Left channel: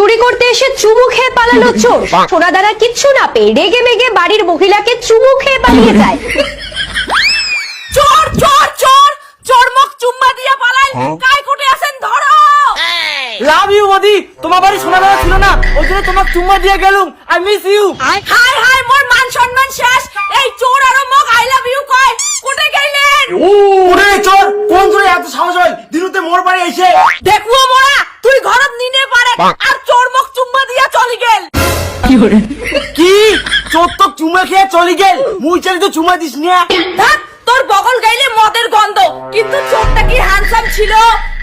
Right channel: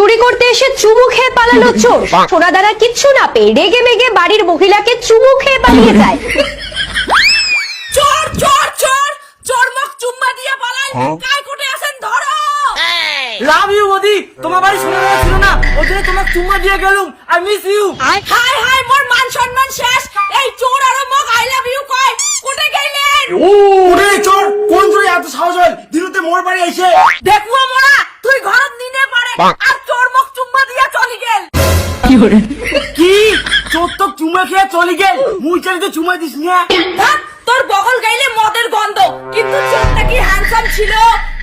চুরি করতে এসে চুমু খেয়ে পালালো চোর। সোনাদানা কিচ্ছু না পেয়ে রেগে মেগে বাড়ির মহিলাকে চুমু খেয়ে পালিয়ে যায়। চোর চোর চোর চোর মুখ চুম্মা দিয়ে পালাই, কাই কোটে আছেন ধরো। লাভ ইউ বদি, তোমার বাড়ি সোনাদানা ছিল না, ওই জন্য তোমাকে চুম্মা দিয়ে গেলুম। I miss you. হাই হাই মোর মান সম্মান শেষ। এই চোর আর মুখ আই লাভ ইউ কয় কোটে গেলেন? ওরে চোর, কোন চোর এত সাহস হয় দিনুতে মোর বাড়ি আইছে? দেখুও মোরা তুই ঘরত নিনে পারে আর চোর মুখ চুম্মা দিয়া চলি গেল। কি চোর তো চুমা খেয়ে চলে গেল, মুই চাই তো চুমা দিস না। ধ্যাৎ, তোর বগল গাইলে মদের গন্ধ, কিন্তু চোরটা কি হ্যান্ডসাম ছিল?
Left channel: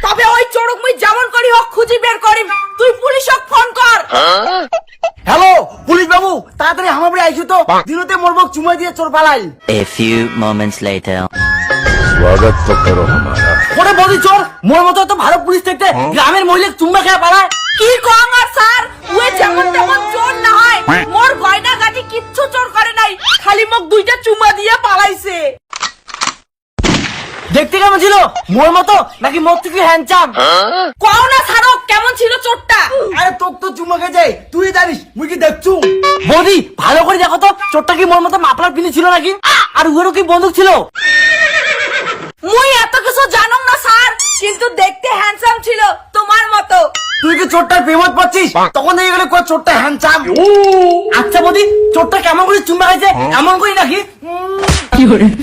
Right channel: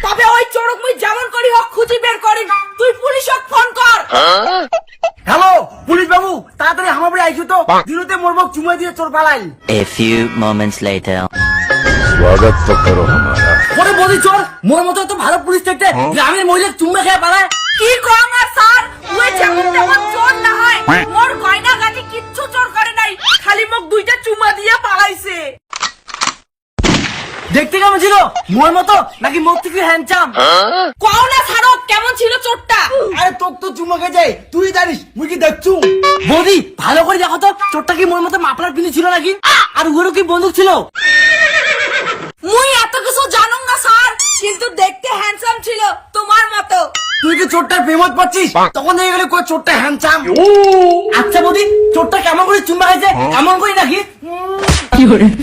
তবে ওই চোরক মুই যেমন করি হোক খুঁজি বের করিম। তুই পুলিশক ফোন কর। হ্যালো পুলিশ বাবু, তাড়াতাড়ি আমার বাড়ি আইছো তো, দিনুতে মোর মুখ চুমা দিয়ে চোর পালাই। A few moments later. स्वागत तो करो हमारा। ওরে বদি চোর, মোর মতো তো ভালো পুলিশ থাকতে গ্রামের মহিলা চুম্মা খেয়ে পালায়। কি কম আর স্যার, ওই যেমন তেমন চোর না হয়। মোর গয়না গাটি কিচ্ছু চোর করে নাই, খালি মুখ দুইটা চুমা দিয়ে পালাইছে। দেখতে কেমন ছিল, মোর মতো নাকি মোর থেকে হ্যান্ডসাম? কও না ছাড়ো, কেমন ছিল চোরটা? আরে তোক তো চুমা খেয়ে যায়, তুই জানিস মুই কি দেখছু? বদি ভালো করে দেখো তো, চোরটা কি মোর মতো মাফলার পিনি ছিল নাকি? আর উড়ো কি বন্দুক ছিল? মুই এত কিছু জানুম না স্যার, কিন্তু দেখতে হ্যান্ডসাম ছিল তোমার মতো। তুই কি চোরটার প্রেমত পাচ্ছিস? তখন দেখে গেলে কই চোরটা হ্যান্ডসাম। আচ্ছা বদি, চোরটা কেমন করে চুমা খাইছে এমন করি নাকি?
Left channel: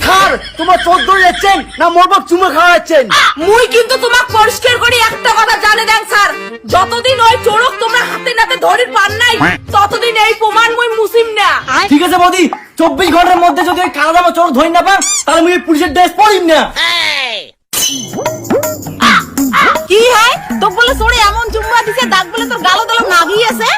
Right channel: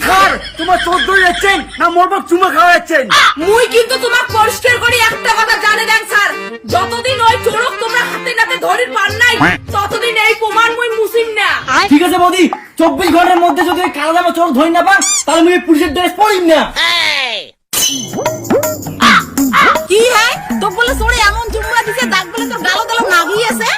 স্যার তোমার চোর ধরে যাচ্ছেন না মোর বাপ চুমা খাওয়া যাচ্ছেন? মুই কিন্তু তোমাক পরিষ্কার করে একটা কথা জানে দেন স্যার, যতদিন ওই চোরক তোমরা হাতে নাতে ধরি পান নাই, ততদিন এই প্রমাণ মুই মুছিম না। ঠিক আছে বদি, 24 ঘন্টার মধ্যে যদি ওই কালো জামা চোর ধরি না পান, তাহলে মুই পুলিশের ড্রেস পরিম না। কি হে তো বলে চোরে এমন চুম্মা দিছে, দাগ বলে তোর গালত গালত নাগি আছে।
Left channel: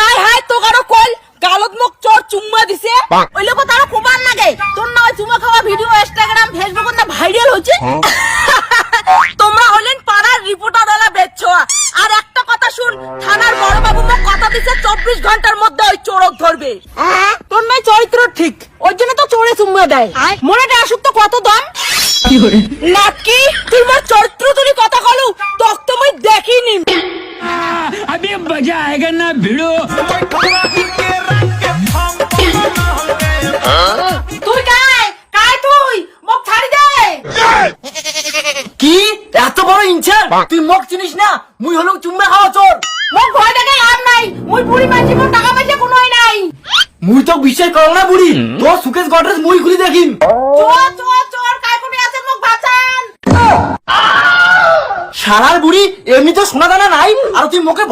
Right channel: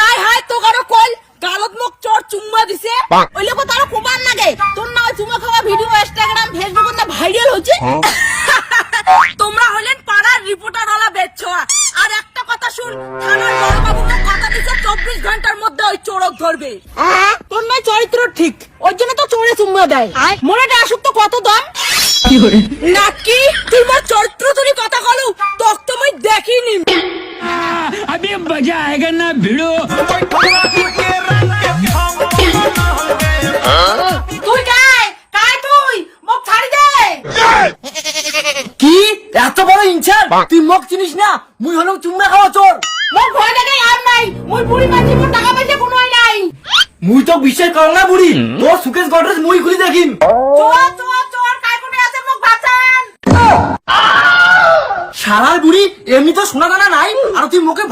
হাই হাই তো কারো কল গালত মুখ চোর চুম্মা দিছে, ওই লোক তারা প্রমাণ লাগে। তোর না ওই চুম্মা খাওয়া ভিডিও ইনস্টাগ্রাম ফেসবুক না ভাইরাল হচ্ছে। তোমরা হলেন পাড়ার রিপোর্টার ওলা বেচ্ছোয়া। আর একটা কথা শুন, থানার বড় বাবু তো কথা দিছে 24 ঘন্টার মধ্যে ওই চোরক ধরবে। তোর নাই চরিত্র ঠিক, ওই জন্য তো চোরে চুম্মা দেয়। মনেটা আসুক তো কত দাম নাকি? তুই মোর চরিত্র তুই কথা কলু, তখ তো মই দেখিনি। अभी मजा आएगा ना भिड़ो। তুই কাই কাই তুই মোক ছাড়ি দে। কি এত বড় ইনসার? তুই মোক চিনিস না? মুই হলাম চুম্মা খাওয়া চোর। মোক ভয় দেখে লাভ নাই, মুই বুড়ি মাঝি মোর টাকা পয়সা কোনোই নাই। মুই তো বিশ্বাস করো না বুড়ি, তোর সুকেশ গডরেজ মুই খুলি দেখিম। চোর চোর চোর কাই কোনে আছে মোক বাঁচান। সারার বুড়ি এমনি তো সোনা দানা নাই, আর তুই মুখে